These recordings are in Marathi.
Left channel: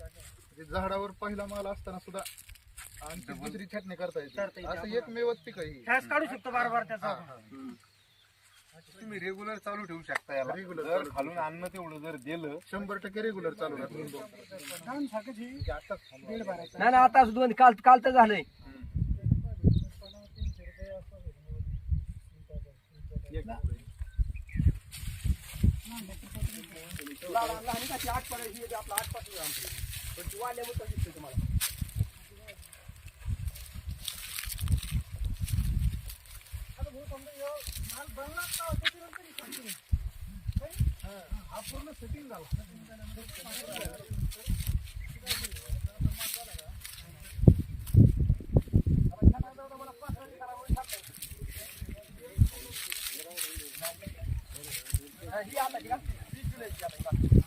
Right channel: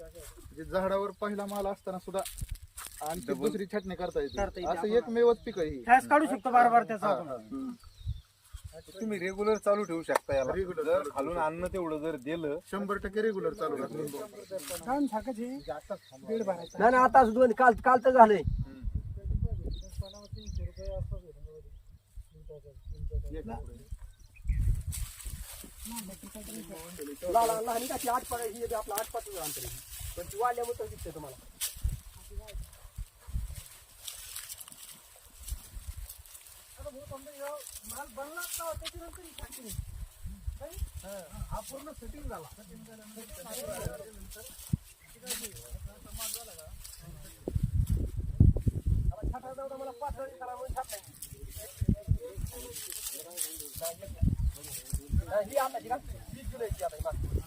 म्हणजे झाडावर पहिला माल असताना सुद्धा आणखी दुसरी छाटणी करता करता येते. येते. असं एकमेवच पीक आहे काढू शकतो बार बार त्याचा आपण. तुम्ही रेग्युलर चालू ठेवू शकता याला. Regular जर चालू खालून अन्न तेवढं जर दिलं शंभर टक्के रेग्युलर चालू राहतं. छान थाकच. दीड बाराचा. नाही आता दोन काल काल तर झालंय. लहान लहान त्याची आठ पाच ही आपला आठ पाच अंतर पण ती वाढल्यामुळे दिसते तुम्हाला माल बनला का त्याच्यानंतर हा. पूर्ण सेटिंग झाला आता छाटायला जाऊ मला पाच वाजता करा, मग हा, ही आता ही का? वीस जुलैची आता ही बाकी.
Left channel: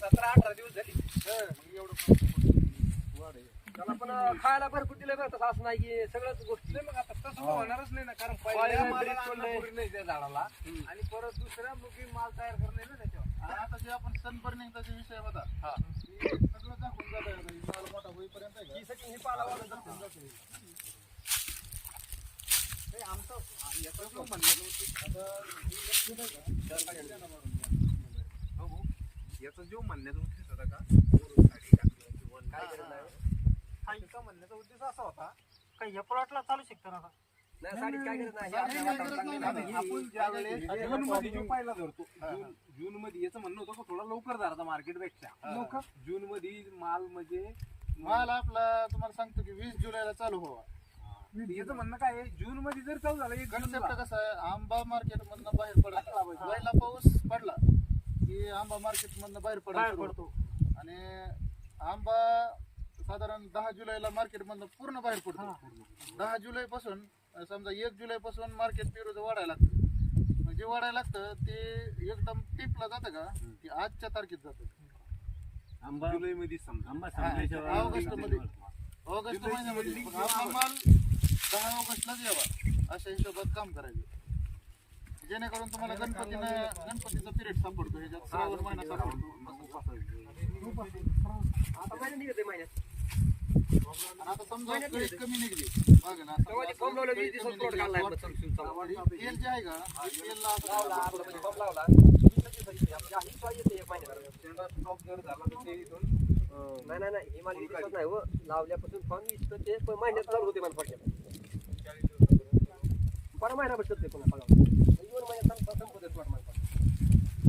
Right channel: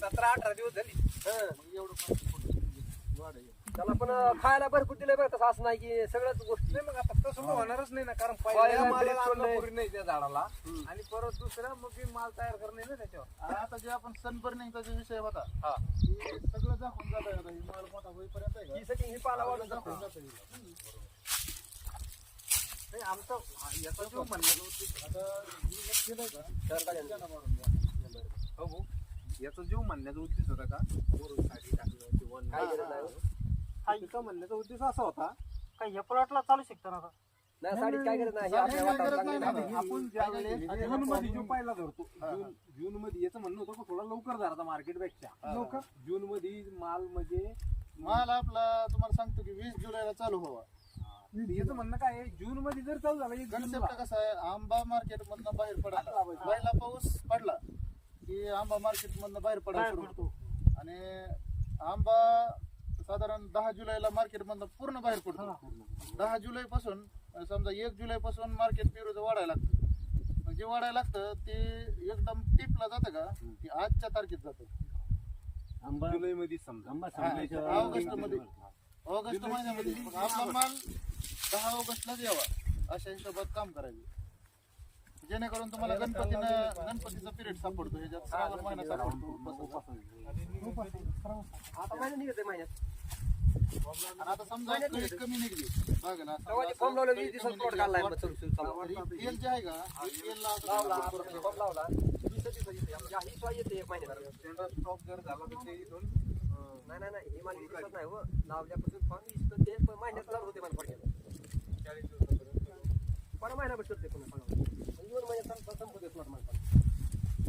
सतरा अठरा दिवस झाली त्याला पण खायला भरपूर दिलंय बरं तसं असं नाही की सगळ्याच गोष्टी नाही मग आता तसं मग होणारच नाही ना कारण पहिल्या पहिल्या मालाला ड्रिप नाही त्या झाडाला आणि परत दुसरा मग मी माल तयार करणे ना त्याच्यावर आता जे आपण सनबर्निंगचा जे विषय होता ते सगळं दाखवून जात हे का? ही setting ही नाही आमचं हा, याचं जो म्हणण्याचं उद्देश आता हे दिलंय का? चार गाड्यांना मारून द्या. हो भाऊ, याचा जो म्हणण्याचा उद्देश होता का? काय तिचा म्हणण्याचा उद्देश असा होता काय ह्या प्लॉटला चालू शकतो ना आता? नाही साडीत काय नाही नाही. आपण ज्या वेळेस जून मध्ये जो पहिला धरतो जून जून मध्ये याचं म्हणणं होतं का थोडा लवकर धरता मार्केटपेक्षा? लवकर? जून मध्ये माल म्हणजे माल आपला तुम्हाला सांगतो की वीस जुलैला चालू व्हावा. याचं म्हणणं काय आहे? जून मध्ये जर चालू झाला एक कन्सेप्ट कसा आहे? आंबा मार्केट मधनं बाहेर पडला पहिला पाऊस पडला की आंबा मार्केट मधनं बाहेर पडायला पडतो. आणि आंबा साधारण दहा जुलैला मार्केट मधनं पूर्ण बाहेर पडतो. दहा जुलै पासून समजा एक जुलै पासून मार्केट पेरूचं वाढायला लागतं. मग जे वाढायला लागतं ते एकदम टिपला जातं का? की आजच्या तारखेत जातं. जुलै मध्ये समजा हा, ऑगस्टमध्ये ऑगस्ट महिन्यामध्ये मग आपला माल दहा ऑगस्टलाच यावा अशा हिशोबात काम करायचं जेणेकरून तुम्हाला गणपतीनं गणपतीचा पिरियड सापडतो ह्याच्यात श्रावण महिना सापडतो आता महिना निघत आहे महिन्यात आणि आता समजा कळी कमी निघली बघ ना. ही तेल जे आहे का हे म्हणजे लावला दुसऱ्या दिवशी येते. सोय येते एक महिन्यात नाही नाही नाही ही मला नाही हो लावल्यापासून फॉर्म इथं ते पण महिन्यात चालू होते मला बरं महिना बसत ते पुन्हा पगार. दोन महिन्यात संप- संपत मला.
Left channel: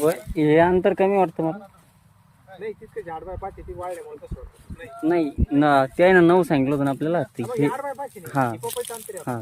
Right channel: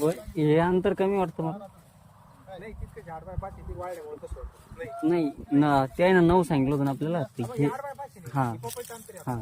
हे अंतर कमी वाटतं मला नाही तितकं झाड बाय पाचशे ती वाढल्यामुळे तसं होतं. नाही नाही ना त्याने नऊ सांगितलं होतं ना आपल्याला ते हे- झाड बाय पाचशे नाही. हा ती पपईचं अंतर आहे. हा